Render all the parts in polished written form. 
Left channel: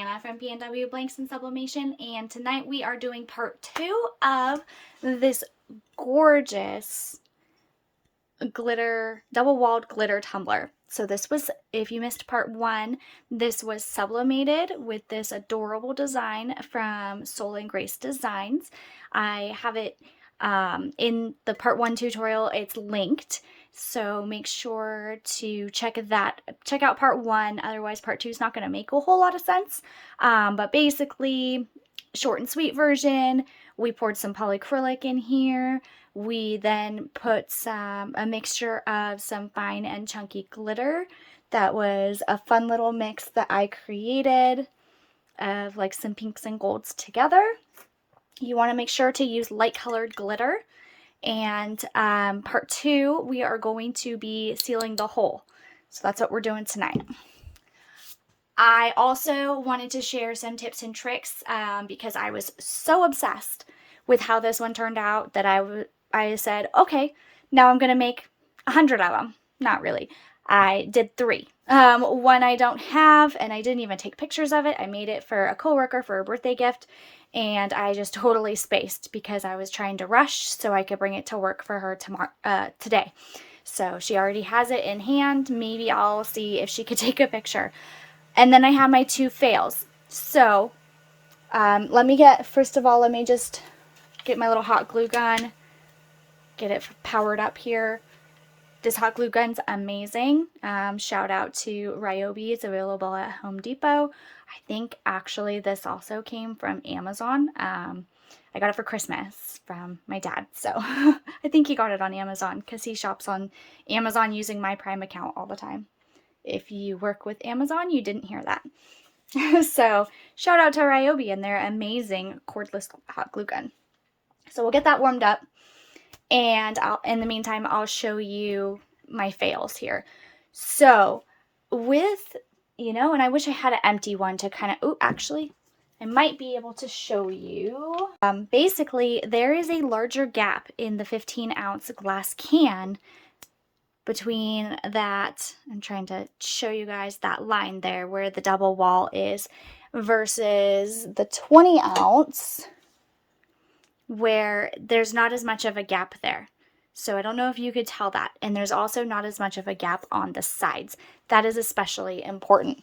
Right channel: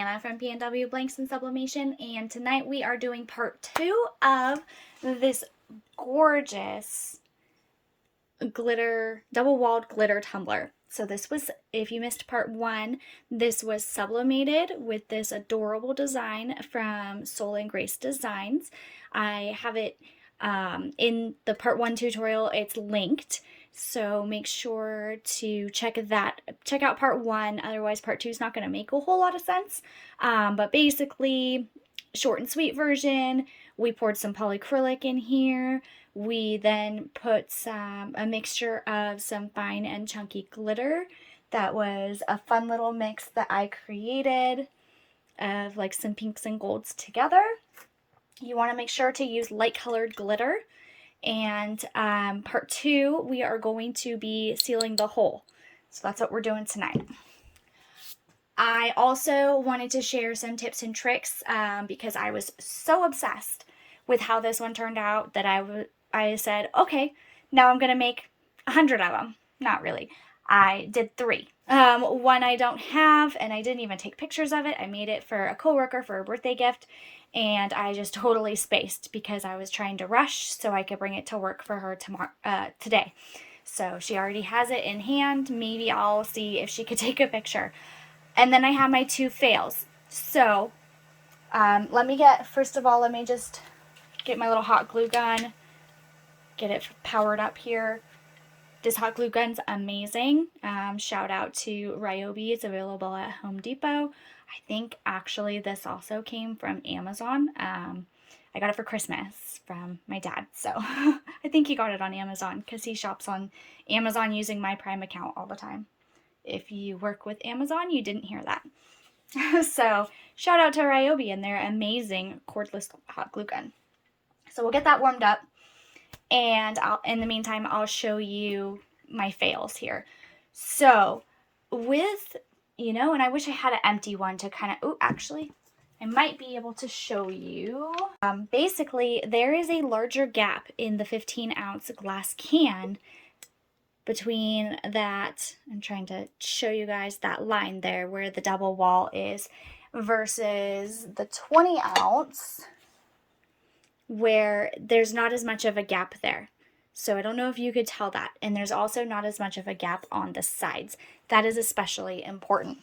Anna from PNW Blanks and Sublimation, and tonight we are doing part 2 of this gorgeous glitter, double-walled glitter tumbler. So this was, if you missed part 1, this was sublimated with this adorable design from Soul and Grace Designs. I have it in the part 1 tutorial. It's linked. So make sure to check out part 1, otherwise part 2 is not going to make a whole lot of sense. But basically, short and sweet version, we poured some polyacrylic in here. We then put a mixture of some fine and chunky glitter. That was a fun little mix that I created of like some pinks and golds together. You want to make sure to use light colored glitter. And part 2, we are going to be sealing the hole. So that's what we're doing tonight. I also wanted to share some tips and tricks because I was so obsessed with how this one turned out that I said, okay, now I'm going to make 100 of them. Not really. I did 3. One I don't have, and I didn't even take pictures of it. I made it for a coworker for a birthday gift. And I just totally spaced because I was trying to rush so I could bring it to work for her today. So she already has it in hand. Maybe I'll see if she could take a picture. And then I have my 2 fails. So first of all, let me just get my little hot glue gun, get it powered up here. This hot glue gun's amazing. Shout out to Rolie. It's available at Home Depot. I think actually this also came from Amazon. I got it for Christmas from my dad. So I think he got it on Amazon because he shops on Amazon using my Prime account all the time. If you work with Amazon, you didn't hear that. So shout out to Rolie and their amazing cordless hot glue gun. So we'll get that warmed up. And in the meantime, I'll show you my fails here. So with, and I wish I had an empty one to kind of, actually, I might be able to show you. Basically, there is a larger gap in the 15-ounce glass can between that, I'm trying to show you guys that line there where the double wall is, versus the 20-ounce. Where there's not as much of a gap there. So I don't know if you could tell that. And there's also not as much of a gap on the sides. That is especially important.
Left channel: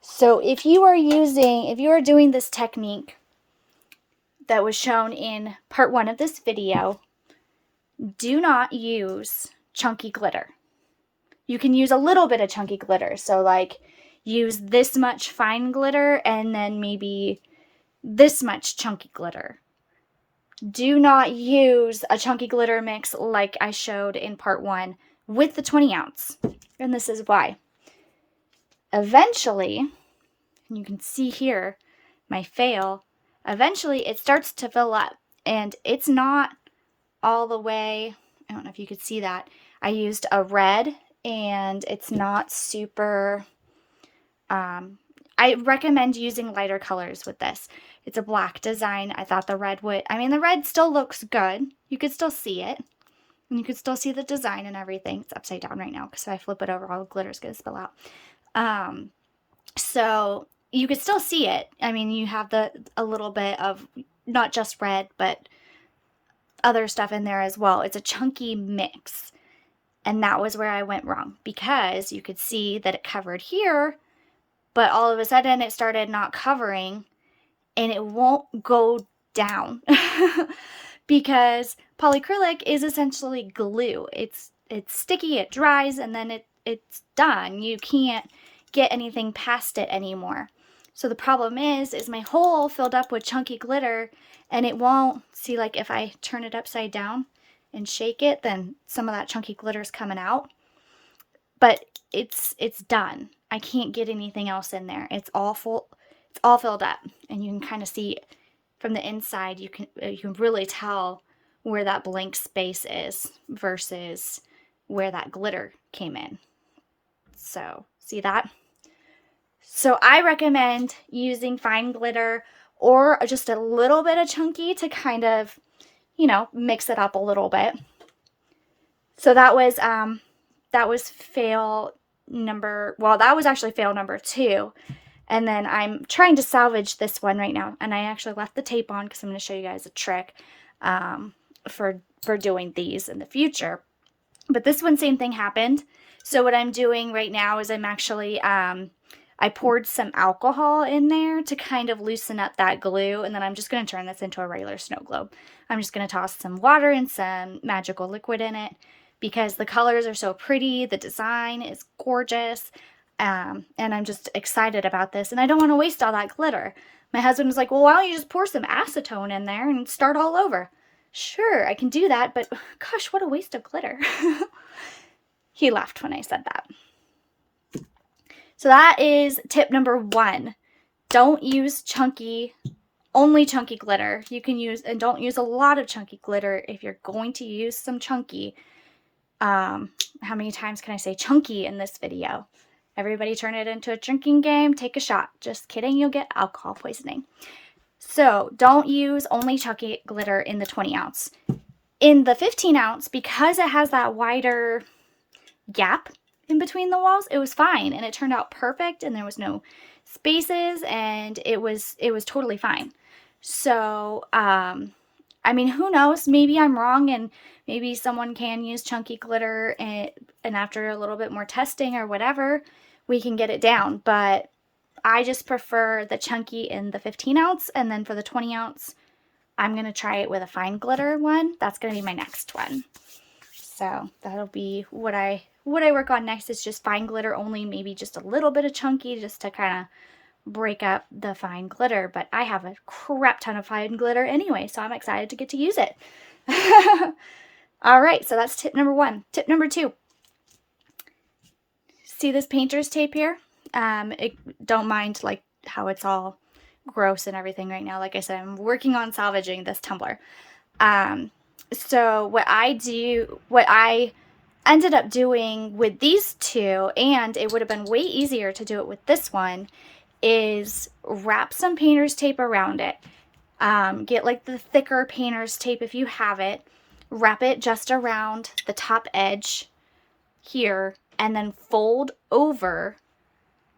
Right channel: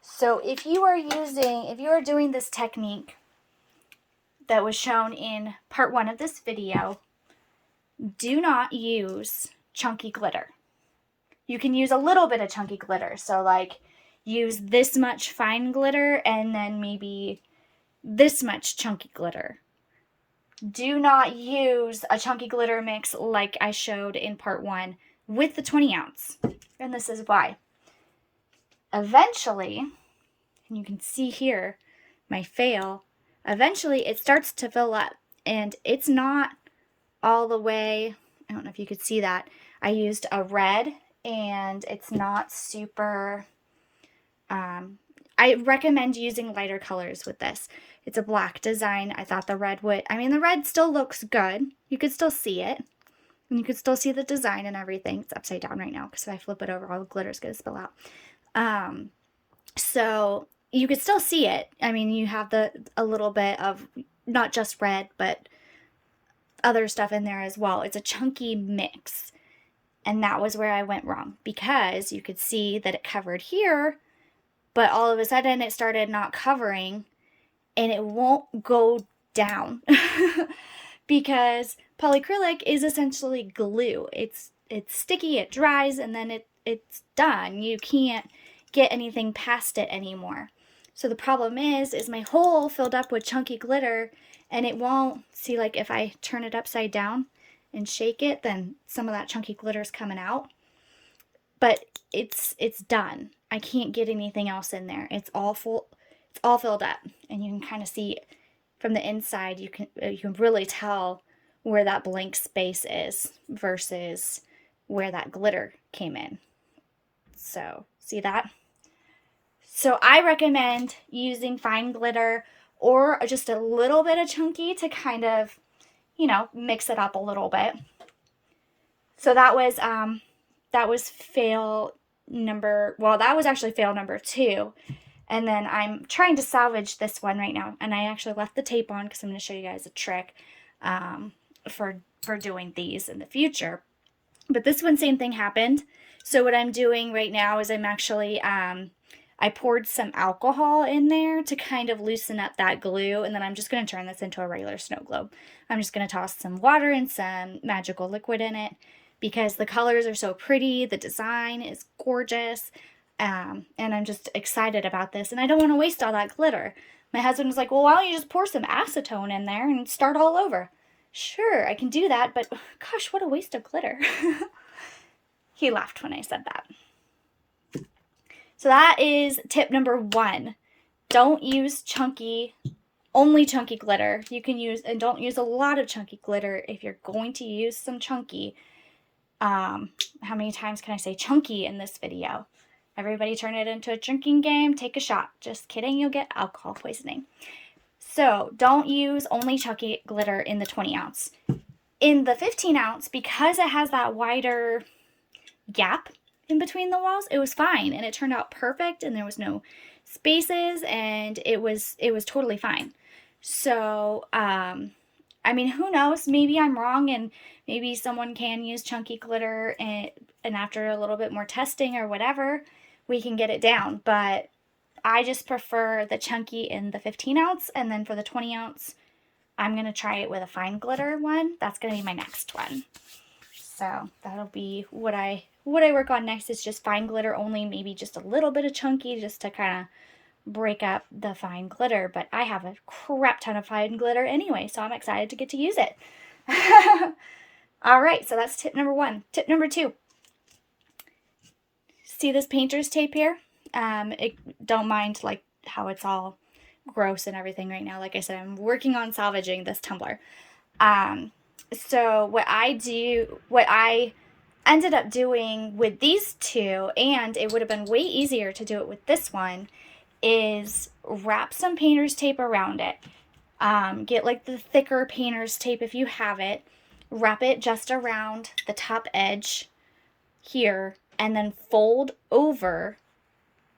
So if you are doing this technique that was shown in part 1 of this video, do not use chunky glitter. You can use a little bit of chunky glitter. So like use this much fine glitter and then maybe this much chunky glitter. Do not use a chunky glitter mix like I showed in part 1 with the 20-ounce. And this is why. Eventually, and you can see here my fail, eventually it starts to fill up. And it's not all the way, I don't know if you could see that. I used a red and it's not super, I recommend using lighter colors with this. It's a black design. I thought the red the red still looks good. You could still see it. And you could still see the design and everything. It's upside down right now because if I flip it over, all the glitter's going to spill out. So you could still see it. You have a little bit of not just red, but other stuff in there as well. It's a chunky mix. And that was where I went wrong because you could see that it covered here, but all of a sudden it started not covering. And it won't go down because polyacrylic is essentially glue. It's sticky, it dries, and then it's done. You can't get anything past it anymore. So the problem is my hole filled up with chunky glitter, and it won't, see, like if I turn it upside down and shake it, then some of that chunky glitter's coming out. But it's done. I can't get anything else in there. It's all full. It's all filled up, and you can kind of see from the inside, you can really tell where that blank space is versus where that glitter came in. So see that? So I recommend using fine glitter or just a little bit of chunky to kind of, mix it up a little bit. So that was fail number, well, that was actually fail number 2. And then I'm trying to salvage this one right now. And I actually left the tape on because I'm going to show you guys a trick for doing these in the future. But this one, same thing happened. So what I'm doing right now is I'm actually, I poured some alcohol in there to kind of loosen up that glue. And then I'm just going to turn this into a regular snow globe. I'm just going to toss some water and some magical liquid in it because the colors are so pretty. The design is gorgeous. And I'm just excited about this. And I don't want to waste all that glitter. My husband was like, well, why don't you just pour some acetone in there and start all over? Sure, I can do that, but gosh, what a waste of glitter. He laughed when I said that. So that is tip number 1. Don't use only chunky glitter. You can use, and don't use a lot of chunky glitter if you're going to use some chunky. How many times can I say chunky in this video? Everybody turn it into a drinking game. Take a shot. Just kidding, you'll get alcohol poisoning. So don't use only chunky glitter in the 20 ounce. In the 15 ounce, because it has that wider gap in between the walls, it was fine and it turned out perfect and there was no spaces and it was totally fine. So, I mean, who knows? Maybe I'm wrong and maybe someone can use chunky glitter and after a little bit more testing or whatever, we can get it down. But I just prefer the chunky in the 15 ounce. And then for the 20 ounce, I'm going to try it with a fine glitter one. That's going to be my next one. So that'll be what I work on next is just fine glitter only, maybe just a little bit of chunky just to kind of break up the fine glitter. But I have a crap ton of fine glitter anyway, so I'm excited to get to use it. All right, so that's tip number 1. Tip number 2. See this painter's tape here? Don't mind like how it's all gross and everything right now. Like I said, I'm working on salvaging this tumbler. So what I ended up doing with these two, and it would have been way easier to do it with this one, is wrap some painter's tape around it. Get like the thicker painter's tape if you have it. Wrap it just around the top edge here, and then fold over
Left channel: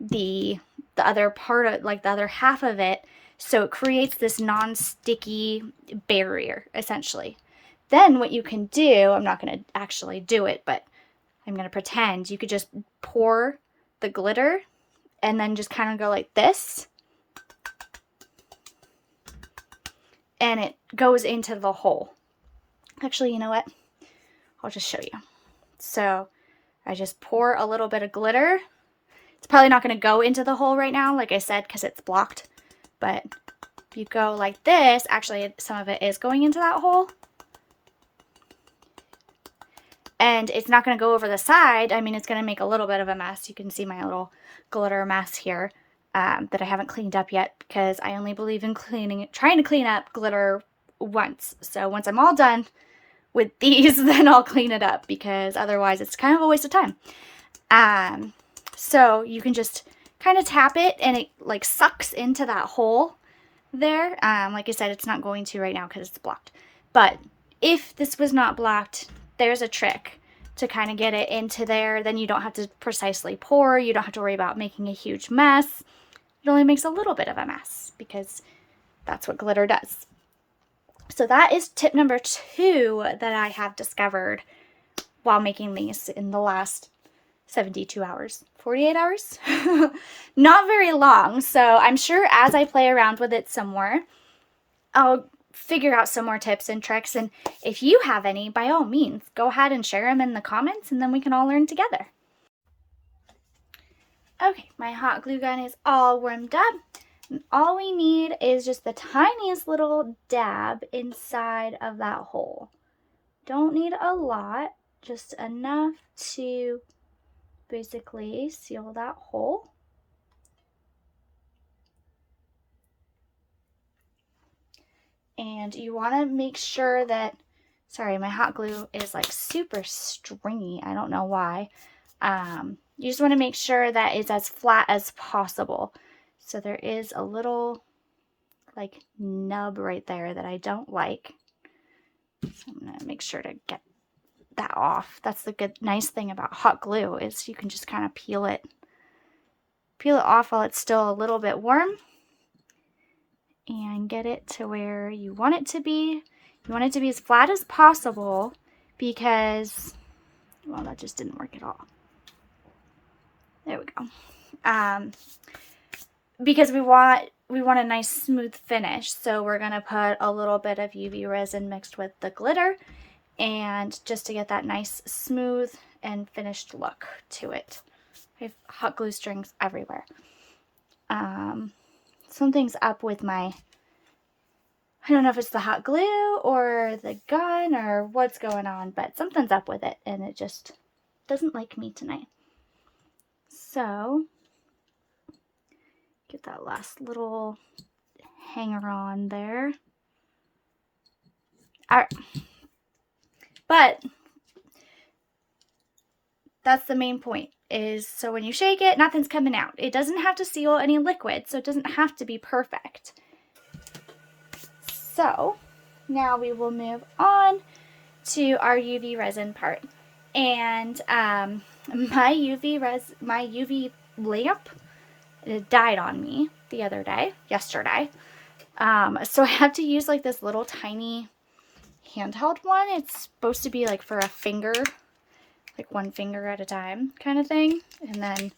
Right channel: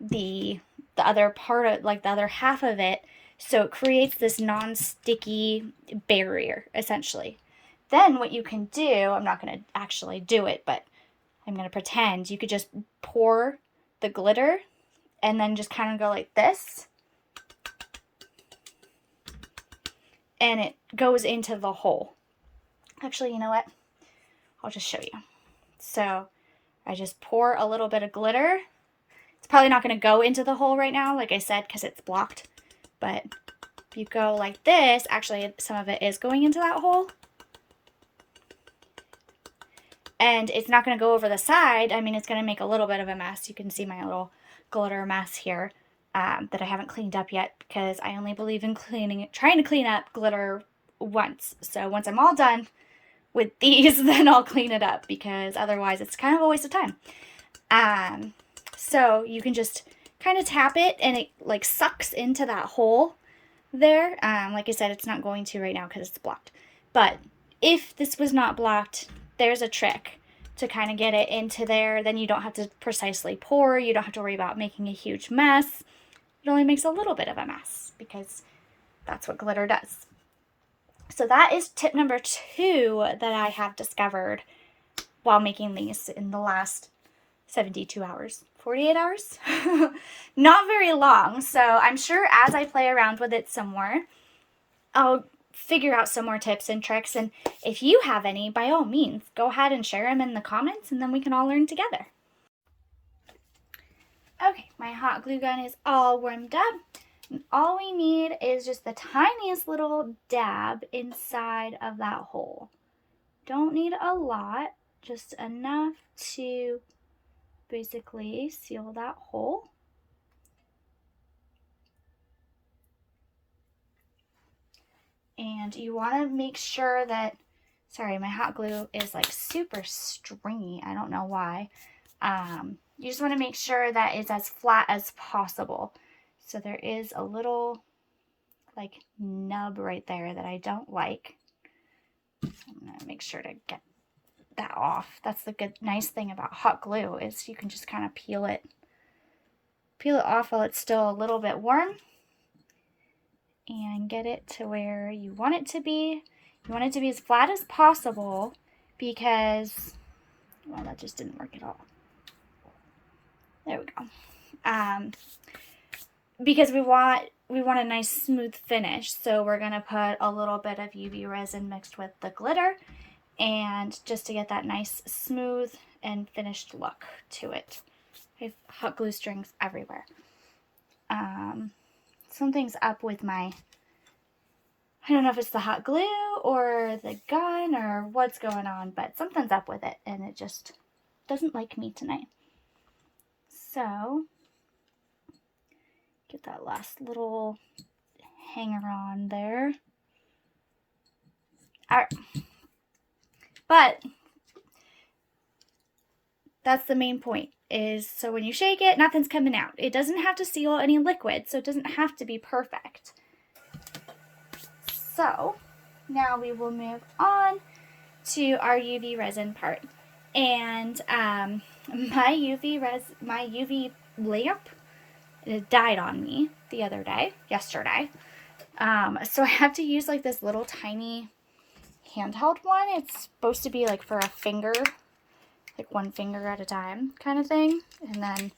the other part of, like the other half of it, so it creates this non-sticky barrier essentially. Then what you can do, I'm not going to actually do it, but I'm going to pretend, you could just pour the glitter and then just kind of go like this, and it goes into the hole. Actually, you know what? I'll just show you. So I just pour a little bit of glitter. It's probably not going to go into the hole right now, like I said, because it's blocked. But if you go like this, actually some of it is going into that hole. And it's not going to go over the side. I mean, it's going to make a little bit of a mess. You can see my little glitter mess here that I haven't cleaned up yet because I only believe in trying to clean up glitter once. So once I'm all done with these, then I'll clean it up because otherwise it's kind of a waste of time. So you can just kind of tap it and it like sucks into that hole there. Like I said, it's not going to right now because it's blocked. But if this was not blocked, there's a trick to kind of get it into there. Then you don't have to precisely pour. You don't have to worry about making a huge mess. It only makes a little bit of a mess because that's what glitter does. So that is tip number 2 that I have discovered while making these in the last 72 hours, 48 hours, not very long. So I'm sure as I play around with it some more, I'll figure out some more tips and tricks. And if you have any, by all means, go ahead and share them in the comments and then we can all learn together. Okay, my hot glue gun is all warmed up. And all we need is just the tiniest little dab inside of that hole. Don't need a lot, just enough to basically seal that hole. And you want to make sure that, sorry, my hot glue is like super stringy. I don't know why. You just want to make sure that it's as flat as possible. So there is a little like nub right there that I don't like. So I'm going to make sure to get that off. That's the nice thing about hot glue is you can just kind of peel it peel it off while it's still a little bit warm and get it to where you want it to be. You want it to be as flat as possible because, well, that just didn't work at all. There we go. Because we want a nice smooth finish, so we're gonna put a little bit of UV resin mixed with the glitter, and just to get that nice smooth and finished look to it. I have hot glue strings everywhere. Something's up with my, I don't know if it's the hot glue or the gun or what's going on, but something's up with it and it just doesn't like me tonight. So get that last little hanger on there. All right. But that's the main point, is so when you shake it, nothing's coming out. It doesn't have to seal any liquid, so it doesn't have to be perfect. So now we will move on to our UV resin part. And my UV lamp, it died on me the other day, yesterday. So I have to use like this little tiny handheld one. It's supposed to be like for a finger, like one finger at a time kind of thing. And then,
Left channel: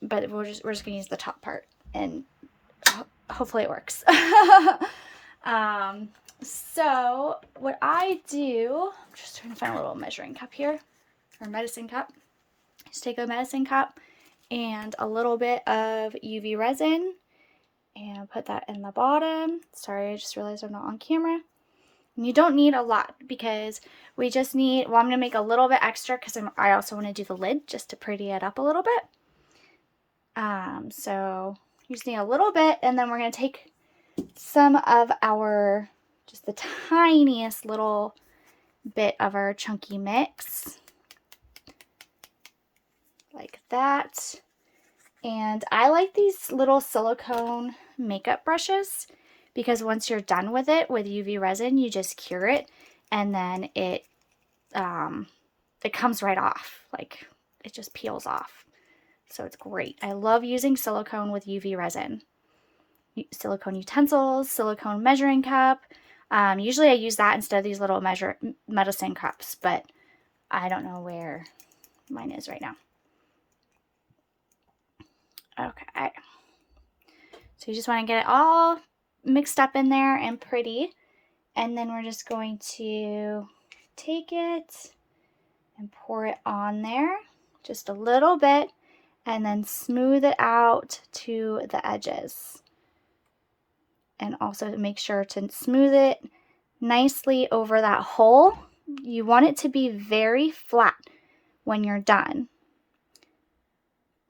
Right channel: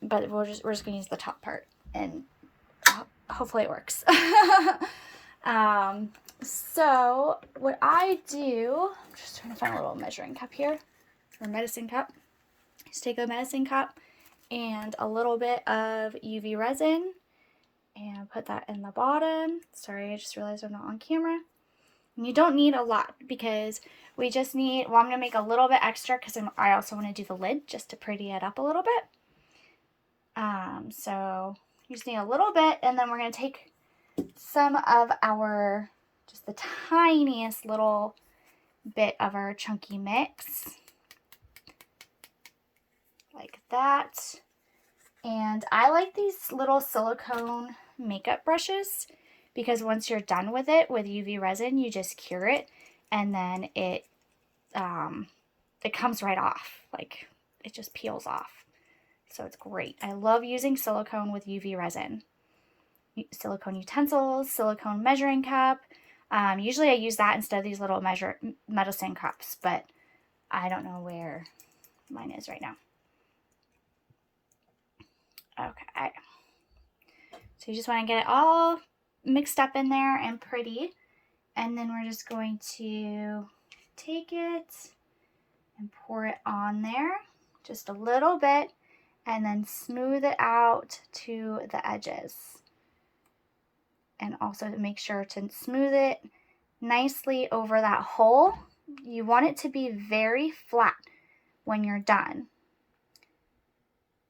but we're just gonna use the top part, and hopefully it works. So what I do, I'm just trying to find a little measuring cup here, or medicine cup. Just take a medicine cup and a little bit of UV resin and put that in the bottom. Sorry, I just realized I'm not on camera. And you don't need a lot because we just need, well, I'm going to make a little bit extra because I also want to do the lid just to pretty it up a little bit. So you just need a little bit, and then we're going to take some of our, just the tiniest little bit of our chunky mix, like that. And I like these little silicone makeup brushes because once you're done with it with UV resin, you just cure it, and then it comes right off. Like, it just peels off. So it's great. I love using silicone with UV resin. Silicone utensils, silicone measuring cup. Usually I use that instead of these little medicine cups, but I don't know where mine is right now. Okay. So you just want to get it all mixed up in there and pretty. And then we're just going to take it and pour it on there just a little bit, and then smooth it out to the edges. And also make sure to smooth it nicely over that hole. You want it to be very flat when you're done.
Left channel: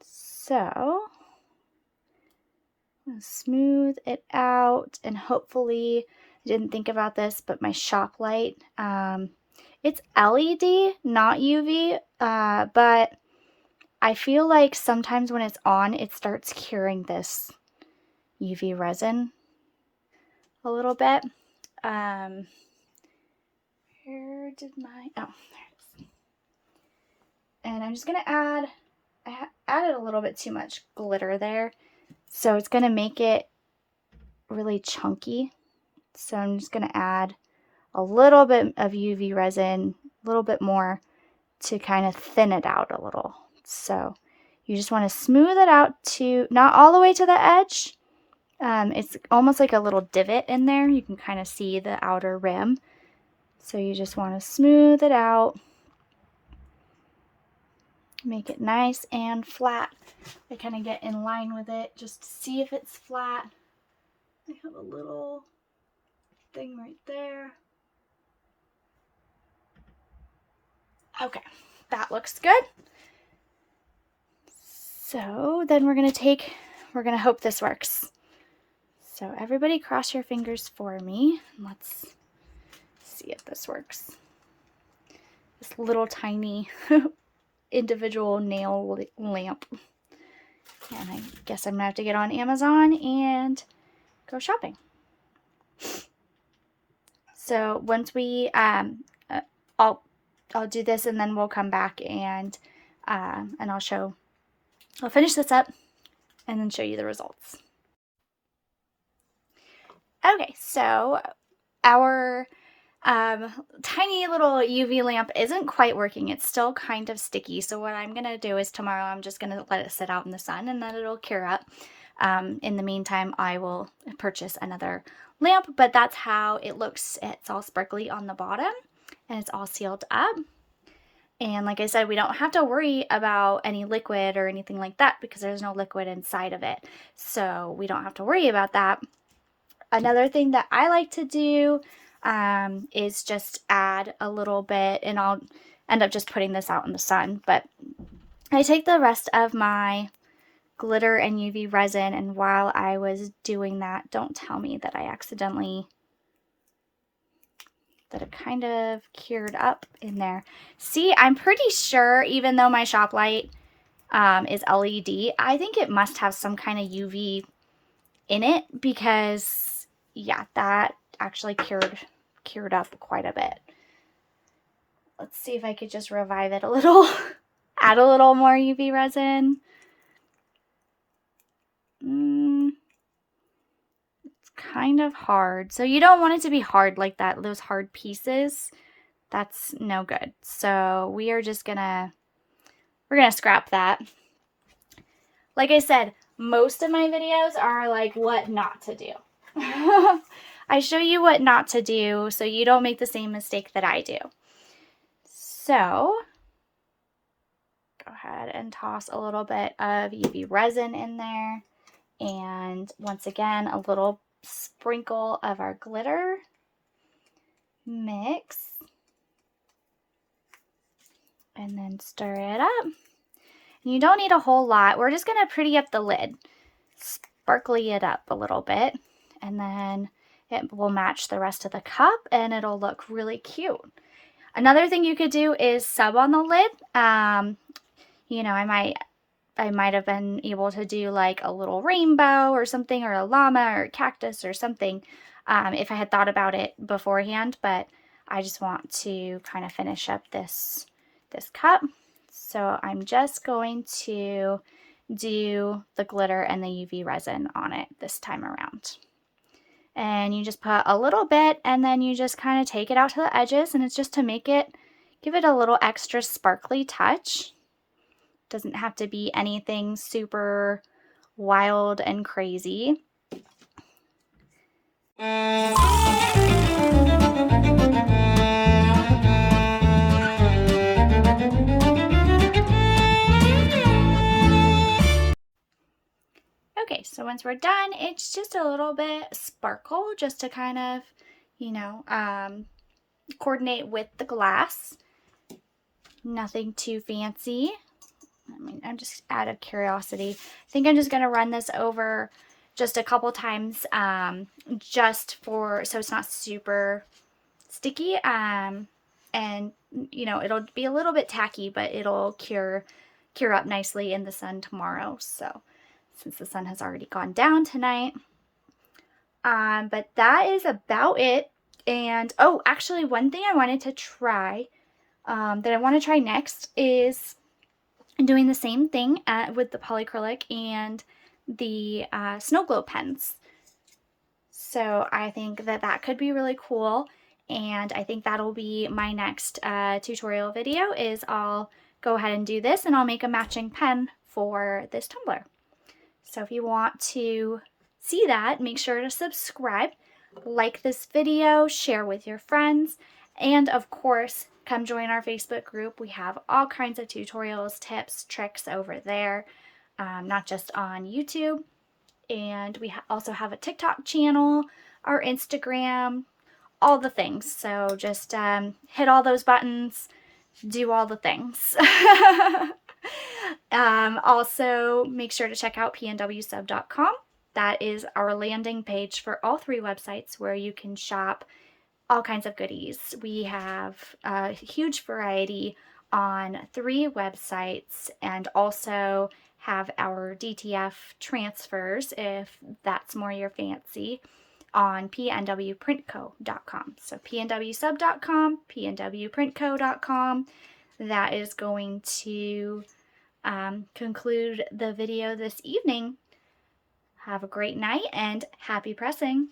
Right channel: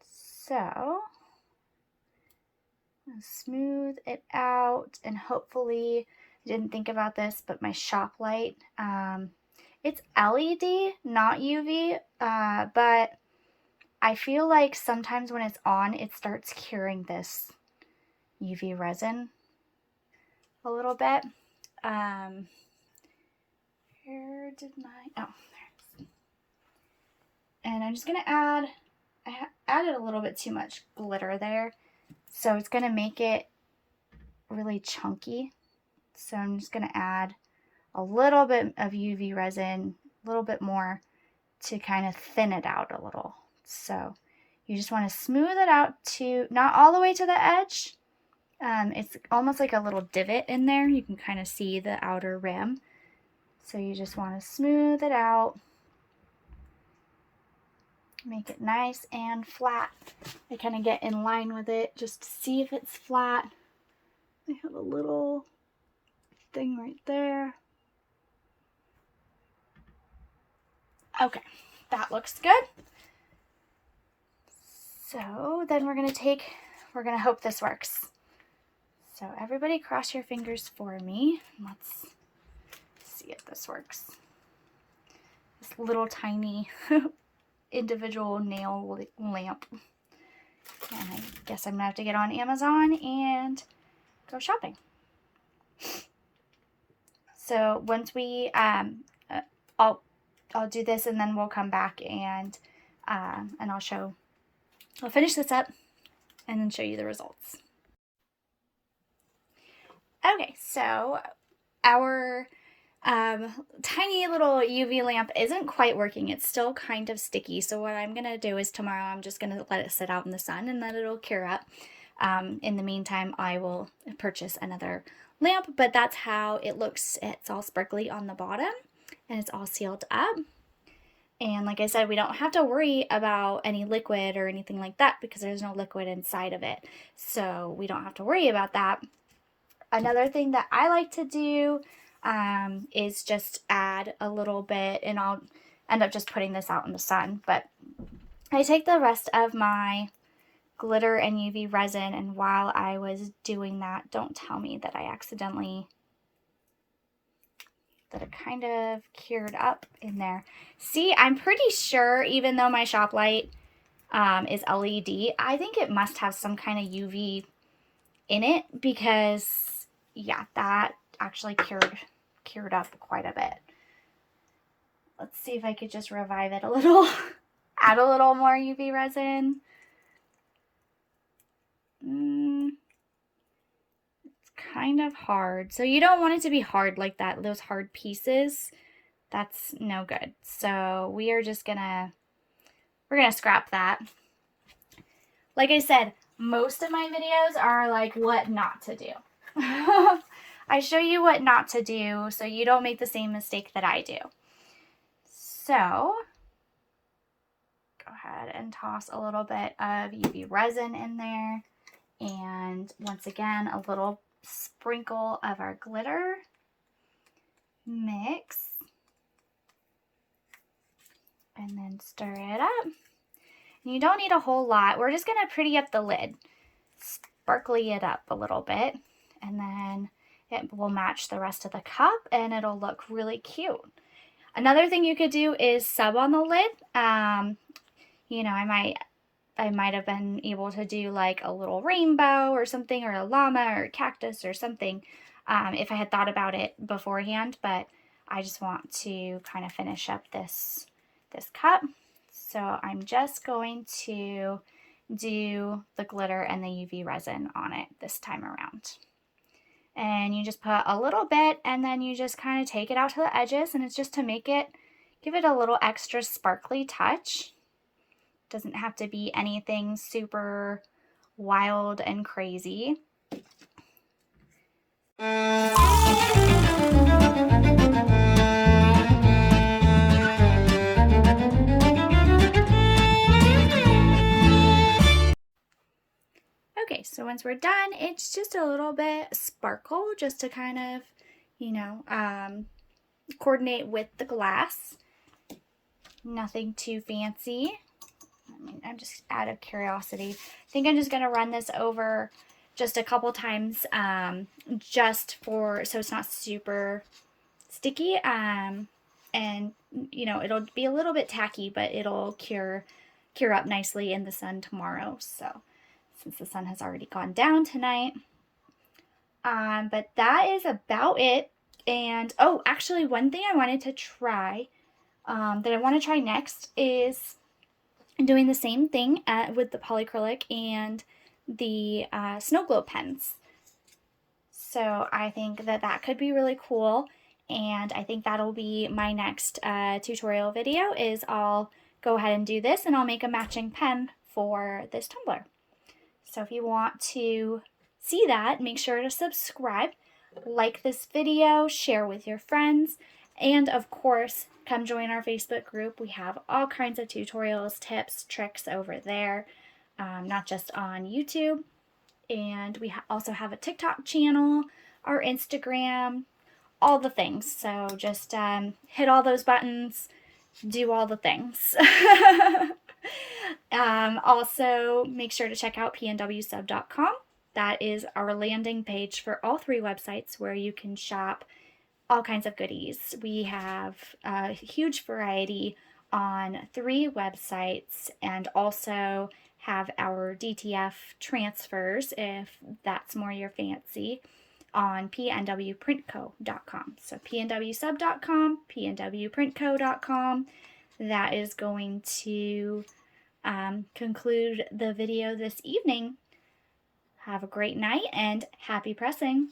So smooth it out, and hopefully, I didn't think about this, but my shop light, it's LED, not UV, but I feel like sometimes when it's on, it starts curing this UV resin a little bit. Where did my, oh, there it is. And I'm just going to add, I added a little bit too much glitter there, so it's going to make it really chunky. So I'm just going to add a little bit of UV resin, a little bit more, to kind of thin it out a little. So you just want to smooth it out to, not all the way to the edge. It's almost like a little divot in there. You can kind of see the outer rim. So you just want to smooth it out. Make it nice and flat. I kind of get in line with it just to see if it's flat. I have a little thing right there. Okay, that looks good. So then we're going to hope this works. So everybody cross your fingers for me. Let's see if this works. This little tiny individual nail lamp. And I guess I'm going to have to get on Amazon and go shopping. So once we, I'll do this, and then we'll come back and I'll finish this up, and then show you the results. Okay, so our tiny little UV lamp isn't quite working. It's still kind of sticky. So what I'm going to do is tomorrow I'm just going to let it sit out in the sun and then it'll cure up. In the meantime, I will purchase another lamp, but that's how it looks. It's all sparkly on the bottom and it's all sealed up. And like I said, we don't have to worry about any liquid or anything like that because there's no liquid inside of it. So we don't have to worry about that. Another thing that I like to do is just add a little bit, and I'll end up just putting this out in the sun, but I take the rest of my glitter and UV resin, and while I was doing that, don't tell me that I accidentally, that it kind of cured up in there. See, I'm pretty sure, even though my shop light is LED, I think it must have some kind of UV in it because, yeah, that actually cured up quite a bit. Let's see if I could just revive it a little. Add a little more UV resin. It's kind of hard. So you don't want it to be hard like that. Those hard pieces, that's no good. So we are just we're gonna scrap that. Like I said, most of my videos are like what not to do. I show you what not to do so you don't make the same mistake that I do. So go ahead and toss a little bit of UV resin in there. And once again, a little sprinkle of our glitter. Mix. And then stir it up. You don't need a whole lot. We're just going to pretty up the lid. Sparkly it up a little bit. And then it will match the rest of the cup and it'll look really cute. Another thing you could do is sub on the lid. You know, I might have been able to do like a little rainbow or something, or a llama or a cactus or something, if I had thought about it beforehand, but I just want to kind of finish up this cup. So I'm just going to do the glitter and the UV resin on it this time around. And you just put a little bit and then you just kind of take it out to the edges, and it's just to give it a little extra sparkly touch. Doesn't have to be anything super wild and crazy. Okay, so once we're done, it's just a little bit sparkle just to kind of, you know, coordinate with the glass. Nothing too fancy. I mean, I'm just out of curiosity. I think I'm just going to run this over just a couple times just so it's not super sticky. And, you know, it'll be a little bit tacky, but it'll cure up nicely in the sun tomorrow. So since the sun has already gone down tonight. But that is about it. And, oh, actually one thing I wanted to try, that I want to try next is doing the same thing with the polyacrylic and the snow globe pens. So I think that could be really cool, and I think that'll be my next tutorial video. Is I'll go ahead and do this, and I'll make a matching pen for this tumbler. So if you want to see that, make sure to subscribe, like this video, share with your friends, and of course, come join our Facebook group. We have all kinds of tutorials, tips, tricks over there, not just on YouTube. And we also have a TikTok channel, our Instagram, all the things. So just hit all those buttons, do all the things. Also, make sure to check out pnwsub.com. That is our landing page for all three websites where you can shop all kinds of goodies. We have a huge variety on 3 websites, and also have our DTF transfers, if that's more your fancy, on pnwprintco.com. So pnwsub.com, pnwprintco.com. That is going to conclude the video this evening. Have a great night and happy pressing.